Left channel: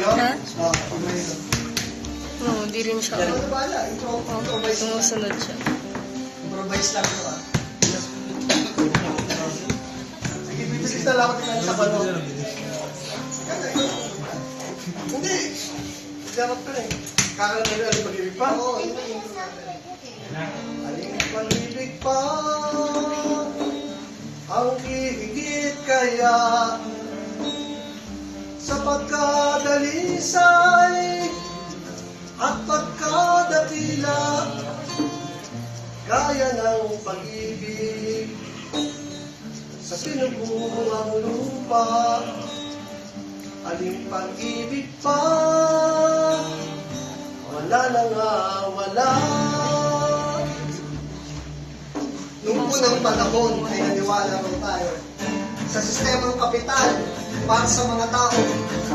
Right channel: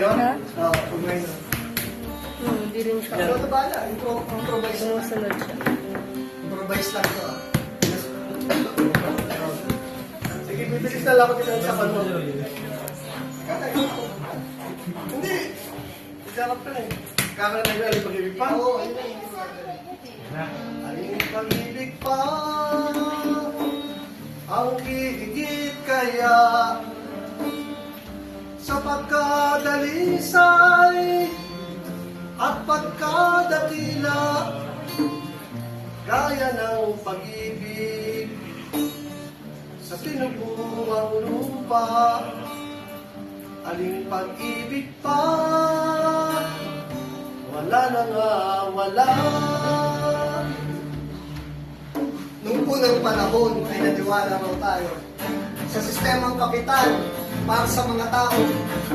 Ano? Ha? Ah, Oo, pag may no. No, hindi rin siya. Ano ito bala, ito improvise. Sumusunod siya. Improvise lang to ah. Sige, bibilis na lang ako tingnan sa pano. Hindi. Sarap to eh. Kakala na yung alipag-ibig pa. Oo, ayun na yung alipag-ibig pa. Ang higit kaya sapagkat dalisay at pagkadakila gaya ng pag-ibig sa sinubungang lupa aling pag-ibig pa wala na nga wala. Noong unang panahon ay naniwala raw tayo sa sistemang kapital para sa mga tao.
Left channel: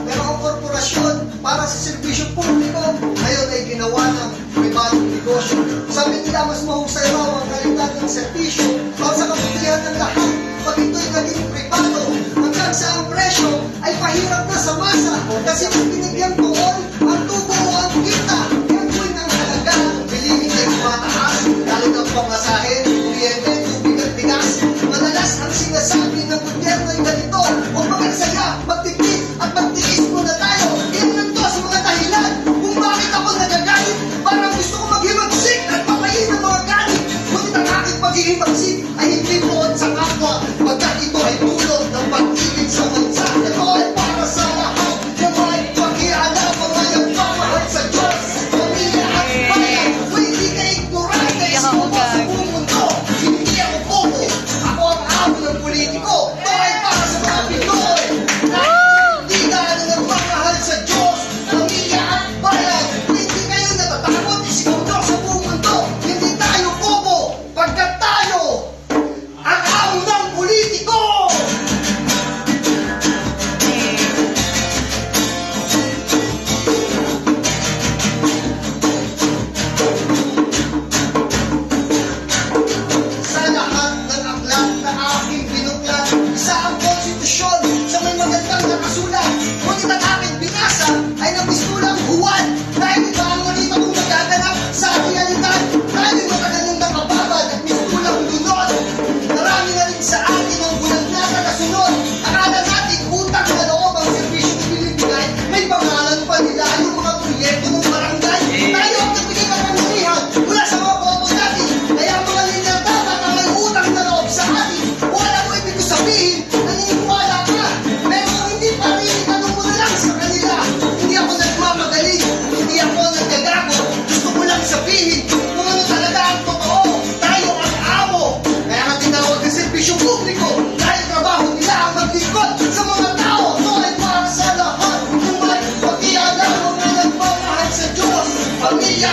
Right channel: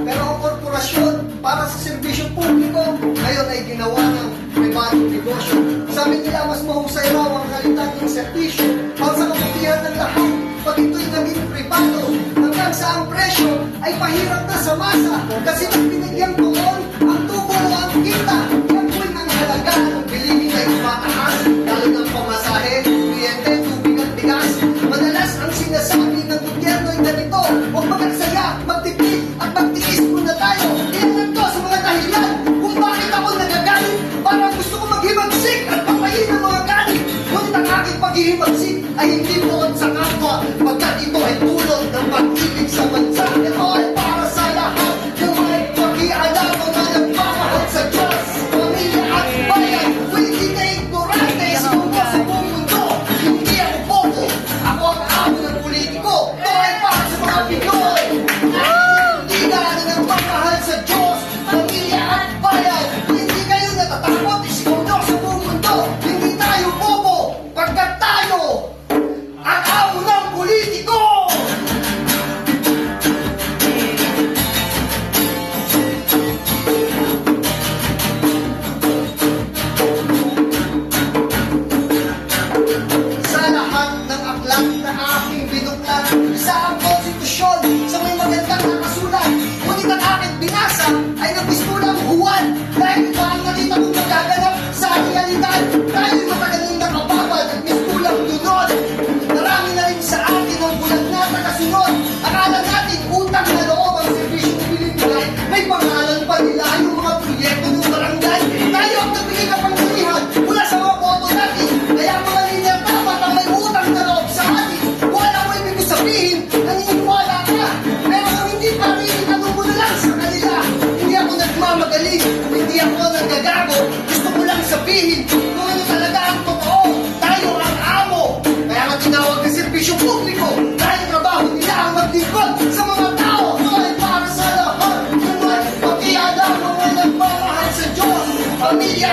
Pero ang korporasyon para sa serbisyo publiko ngayon ay ginawa ng pribadong negosyo. Sabi nila mas mahusay raw ang kalidad ng serbisyo para sa kabutihan ng lahat pag ito'y naging pribado hanggang sa ang presyo ay pahirap na sa masa kasi mas binigyan doon ang tubo o ang kita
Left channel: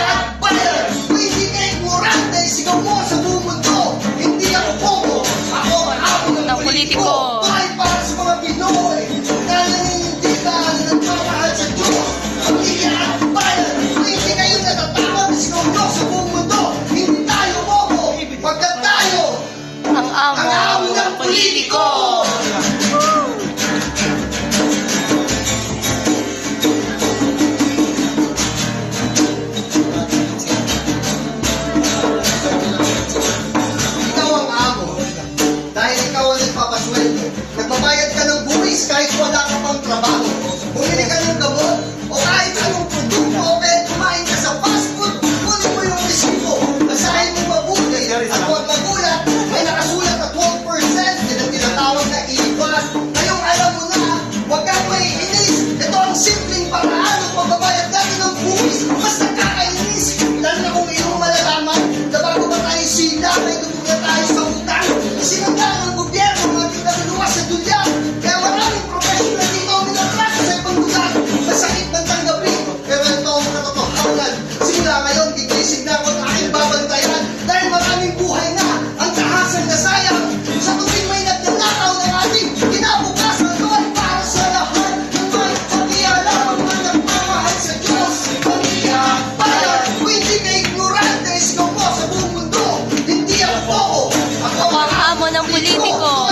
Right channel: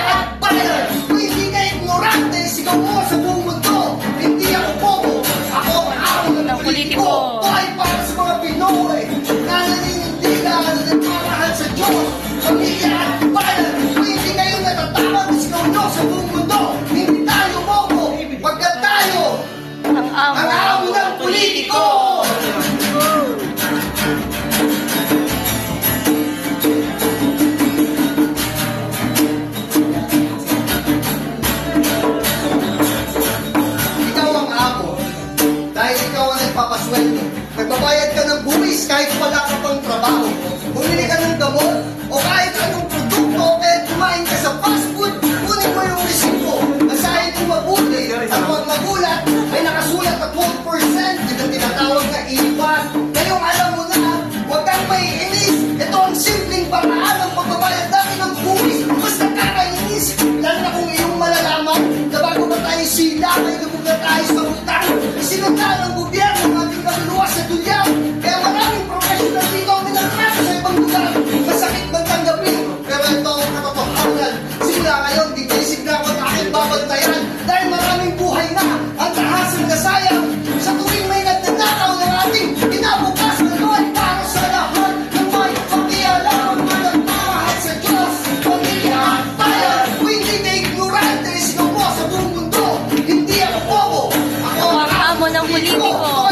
at baler ka ignorante, sa buong mundo. Hindi ako bobo, ako ang ako ng politiko. Buhay para mga Pinoy Na naninindita at nagmamahal sa Diyos. Pamilya at baler Pwede sa buong mundo. Hindi tayo bobo, pagka Ang amo, ng politiko. the político